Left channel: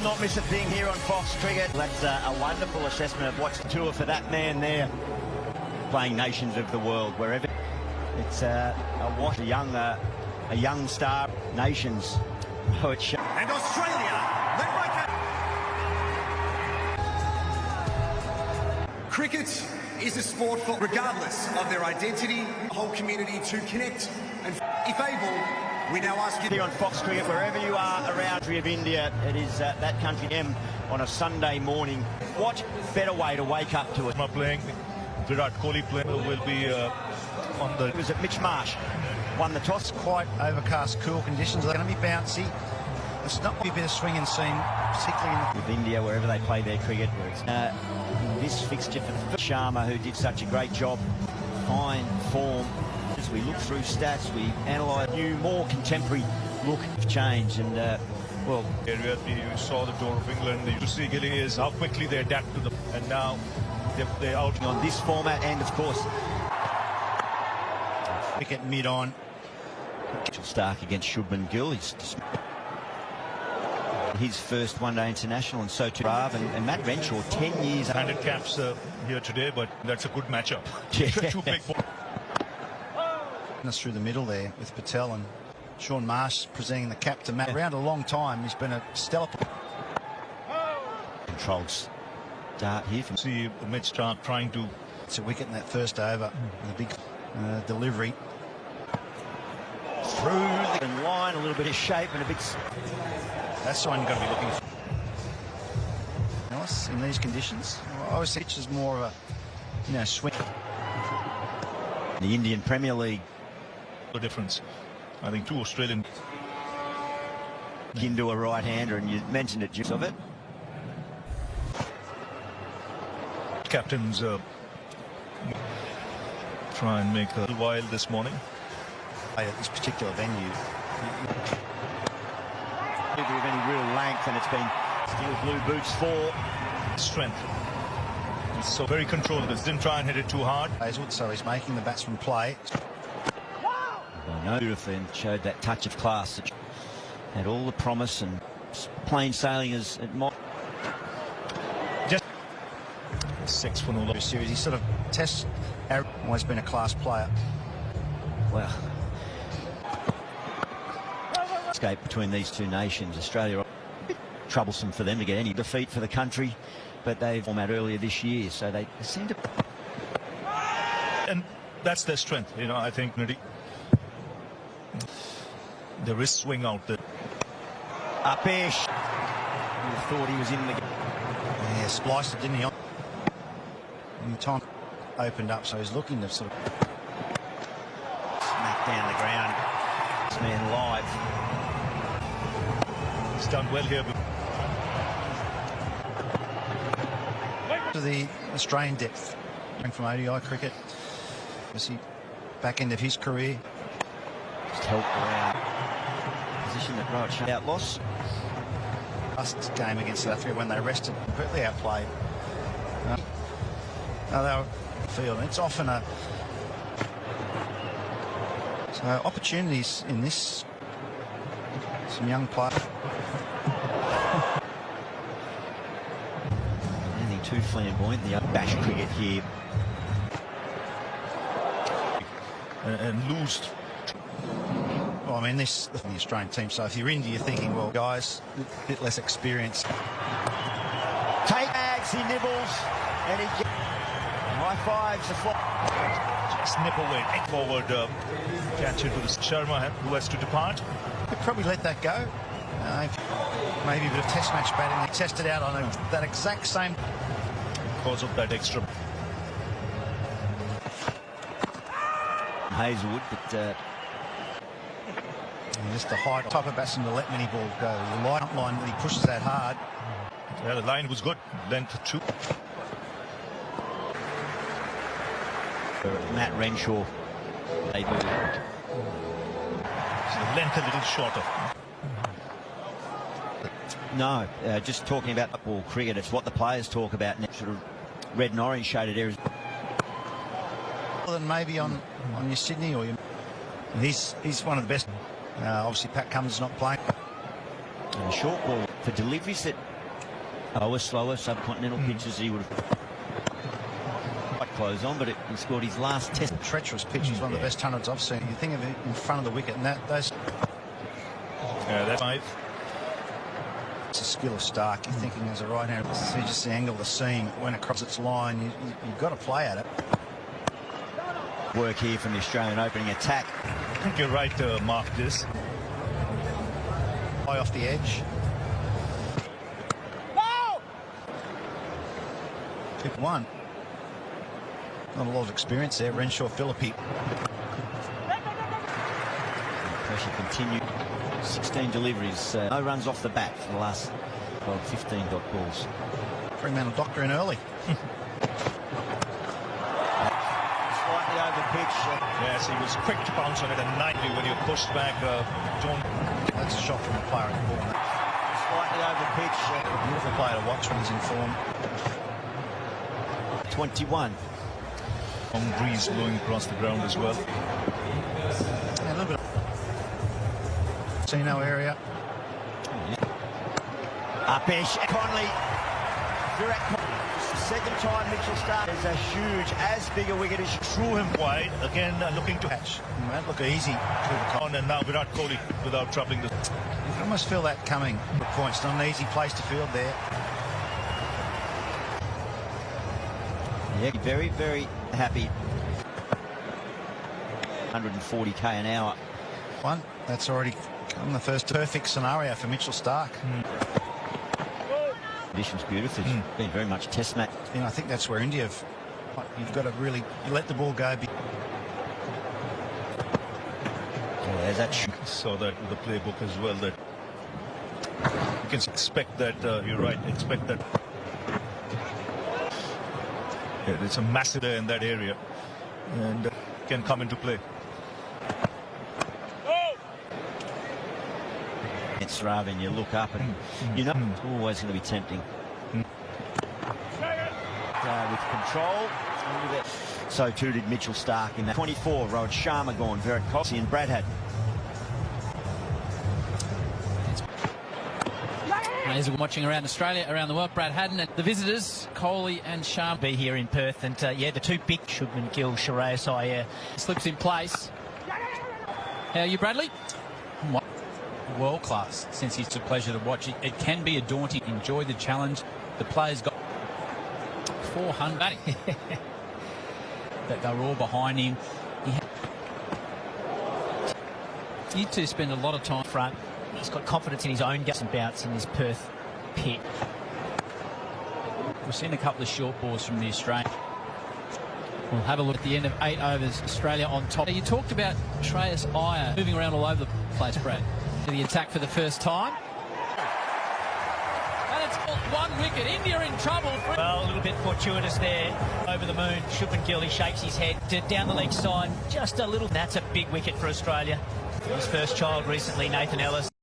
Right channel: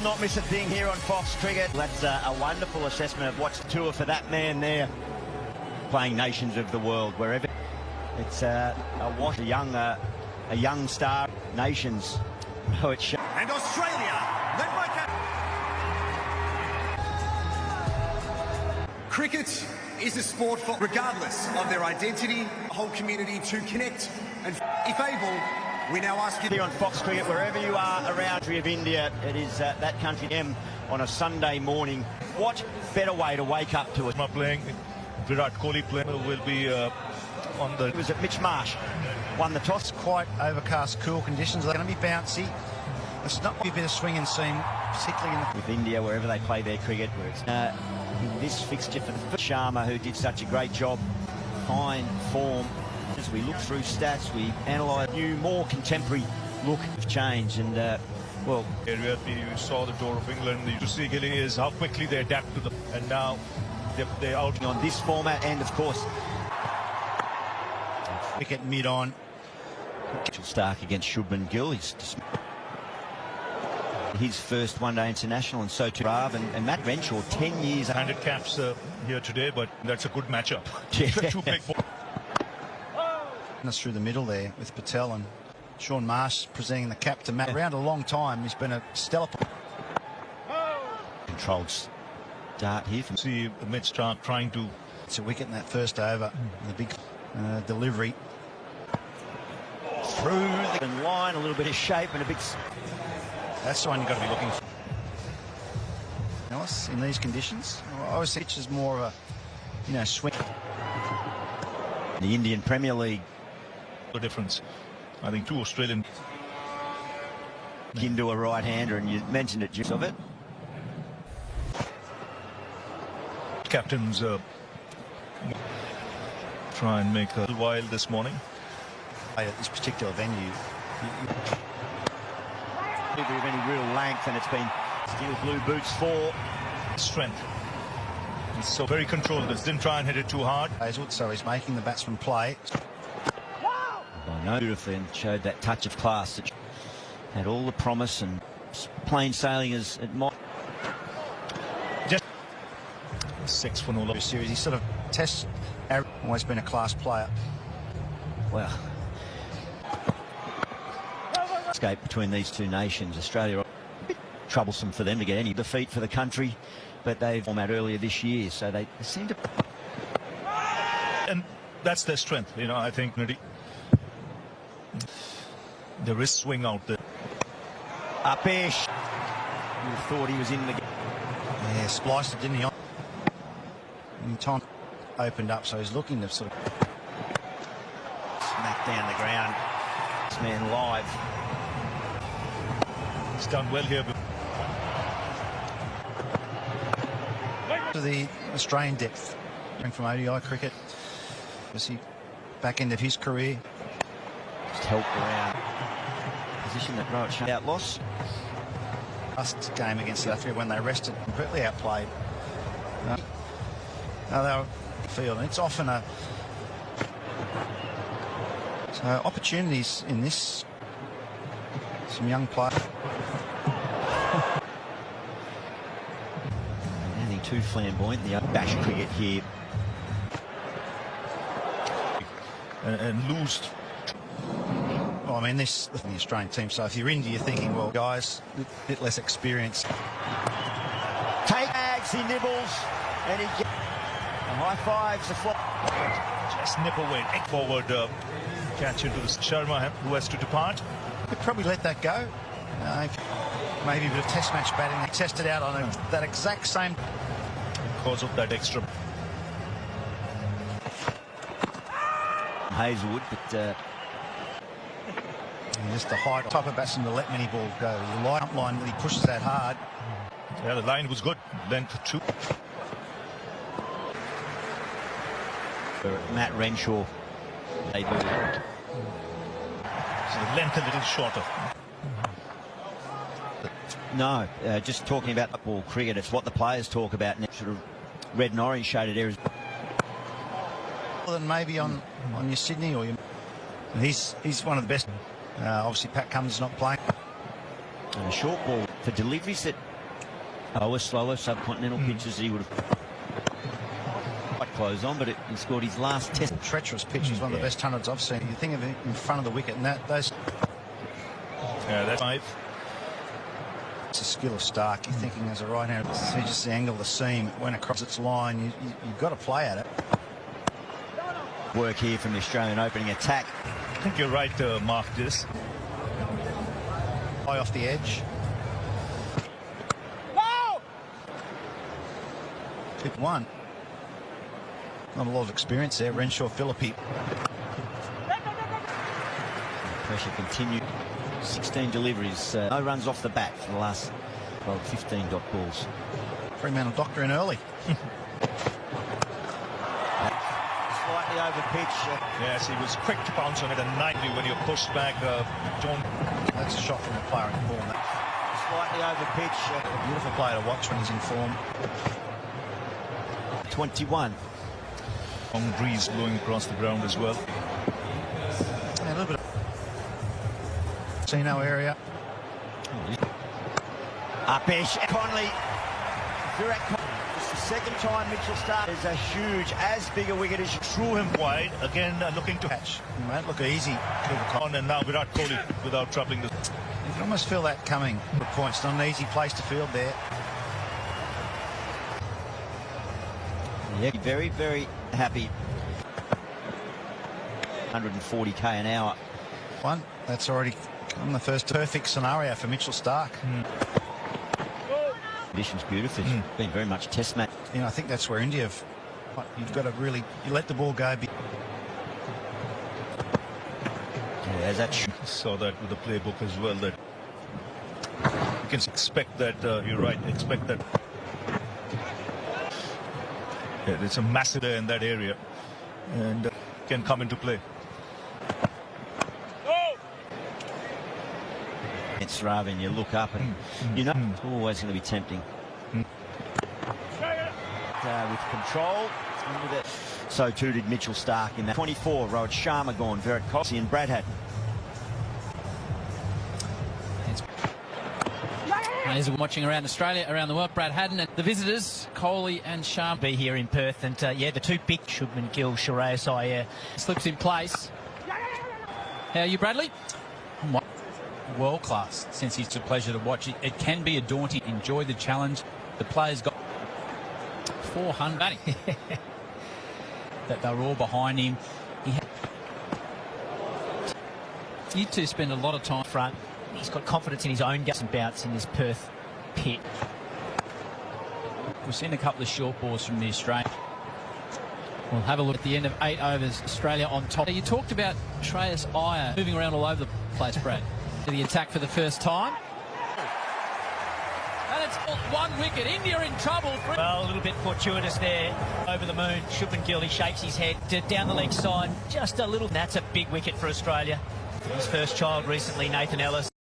will not miss a thing here on Fox Cricket. That's a wonderful assessment of what's a tour for that man there. Playing nations of the world, wherever. It's a young star. Nations. Oh, it's and Australia. Cricket is a sport for, regardless of their identity, a whole community to connect. And if able, we now ask you here on Fox Cricket, wherever you are around the country of India, it is that country on a Sunday morning. What better way to wake up to it? My playing, Virat Kohli playing will be on the... It was at Mitch Marsh. Won the toss. Quite overcast, cool conditions. It's going to be bouncy. It's not a bit of swing and seam. With India, wherever they play their cricket. In this fixture for the Sharma, who did such a great job. Fine form. As we look through stats, we analyse new, more contemporary look of change in, well... Area, you saw the tour of England, you see is how quickly they adapt to them. And now they're out on this format, and of course... Wicket mid-on. Start against Shubman Gill. His first one-day international, and so to Rav and Matt Renshaw, 10 years... 100 caps here today, but that's a good matchup. Us through the middle there with Patel and Sean Marsh presenting the cap to Matt. Around a long time, he's been a stellar... Controls. Dart. See Mitch start trying to... It's a wicket in that first over. The big delivery. Through the line, a little bit of shape and a big... That's the one you've got to be looking for. Nice in these conditions. Obviously, it's more of a, swing. The Indian Premier League. The difference. I think 2 Australian... Into a right-hander, and you mentioned it, use of it. Captains try and make a wild this morning. At this particular venue. Even real length, and it's been still a few boots for strength. He's so very controlled. He didn't try and hit it too hard. Hazlewood, so he's making the batsman play. Beautifully showed that touch of class and all the promise and plain sailing as it might. Just 6 for the series. He sort of tests. Always been a class player. Well. Escape between these two nations. Australia, troublesome for them to get any defeat for the country, but they formed earlier this year, so they seem to... And that's their strength, I think. The wrist swing out there. Upish. You thought he was in the... Yeah, spliced it, didn't he? And the time opened up, so he's looking at some... Smack down the ground. This man live. He's done well here. To the Australian depth, from ODI cricket, was he back end of his career? Poke around. Position of right. Out loss. Last game against South Africa when they rested, completely outplayed. Field. It's often opportunities in this. Some young players. Too flamboyant. Bash cricket here. And loosed. Well, I mean, this is the Australian team, so if you're India, you're thinking, well, guys, a bit less experience. Take bags, he nibbles, and he high fives. Just nibble and forward. Catch into Sharma, who has to depart. Could probably let that go. Maybe a bit of test match batting. He tested out on that exact same. Because of that extra. Hazlewood, just the high type of batsman to let many balls go. The line up line when he pushes that hard. Yeah, the line was good. Went for 2. Matt Renshaw. They do that. So length a little shorter. No, just talking about football cricket, it's what the players talk about. Sort of red and orange shaded areas. Other than maybe on your Sydney or your... He's one of the best. Obviously, Pat Cummins not playing. Short ball. for deliveries that lower, slower subcontinental pitches, he would have quite close on, but it scored his last test. Treacherous pitch is one of the best 100s I've seen. You think of it in front of the wicket, and those. Yeah, that's 5. It's a skill of Stark. You think he was a right hand. See just the angle of the seam. It went across its line. You've got to play at it. Work here from the Australian opening attack. I think you're right to off this. High off the edge. One. Got a lot of experience there. Renshaw Philippi. Pressure continued. 16 deliveries. No runs off the bat for the last 15 dot balls. Fremantle doctor in early. Slightly over pitch. Yes, he was quick to bounce on it and nicely when he pushed back. That's a shot from the player at the ball. Slightly over pitch. Beautiful player to watch when he's in form. 21. Long breeze blowing across the ground as well. Yeah, look at it. Casino area. Upish, Connolly. This is the second time Mitchell Stark. There's a huge, as big a wicket as you saw him. Wide again, looking to catch. Won't look easy. On and now without Kohli, without dropping the. I almost feel that coming. The point's not an easy place to field there. Yeah, very, very happy. 140k an hour. One, that's already in the first perfect scenario for Mitchell Stark. Conditions beautiful. Been very much test match. You know, I think that's where India have. You've got to really you let the ball go. Yeah, that's Saw that in the playbook as well. That you can expect that. You're right. Expect that. Yeah, it's a massive there in that area, and can come into play. it's rather than you look up and you know it's always going to be tempting. With control, so tempted Mitchell Stark in 24. Rohit Sharma gone for it. Cossi and Bradham. As we're watching around Australia, around the world, Brad Haddon, the visitors, Kohli and Sharma, be here in Perth, and yeah, the two big Shubman Gill, Sharayas, slips in place. How are you, Bradley? World class. Since it's a pleasure to watch it, it can be a daunting. Enjoy the challenge. The players got 400. That they're all behind him. You two spend a lot of time front. He's got confidence in his own guts and bounce in his Perth pit. We've seen a couple of short balls from the Australian. We'll have a look at the end of 8 overs. Australia on top. Now, you talked about Shreyas Iyer moving around all over the place, Brad. To the attack for the first time. That's one wicket. India in trouble. Well, a little bit fortuitous there. Over the moon. Shubman Gill, he shakes his head to down the leg side. Just a little. That's a big wicket for Australia. His first child recently, Nathan Ellis.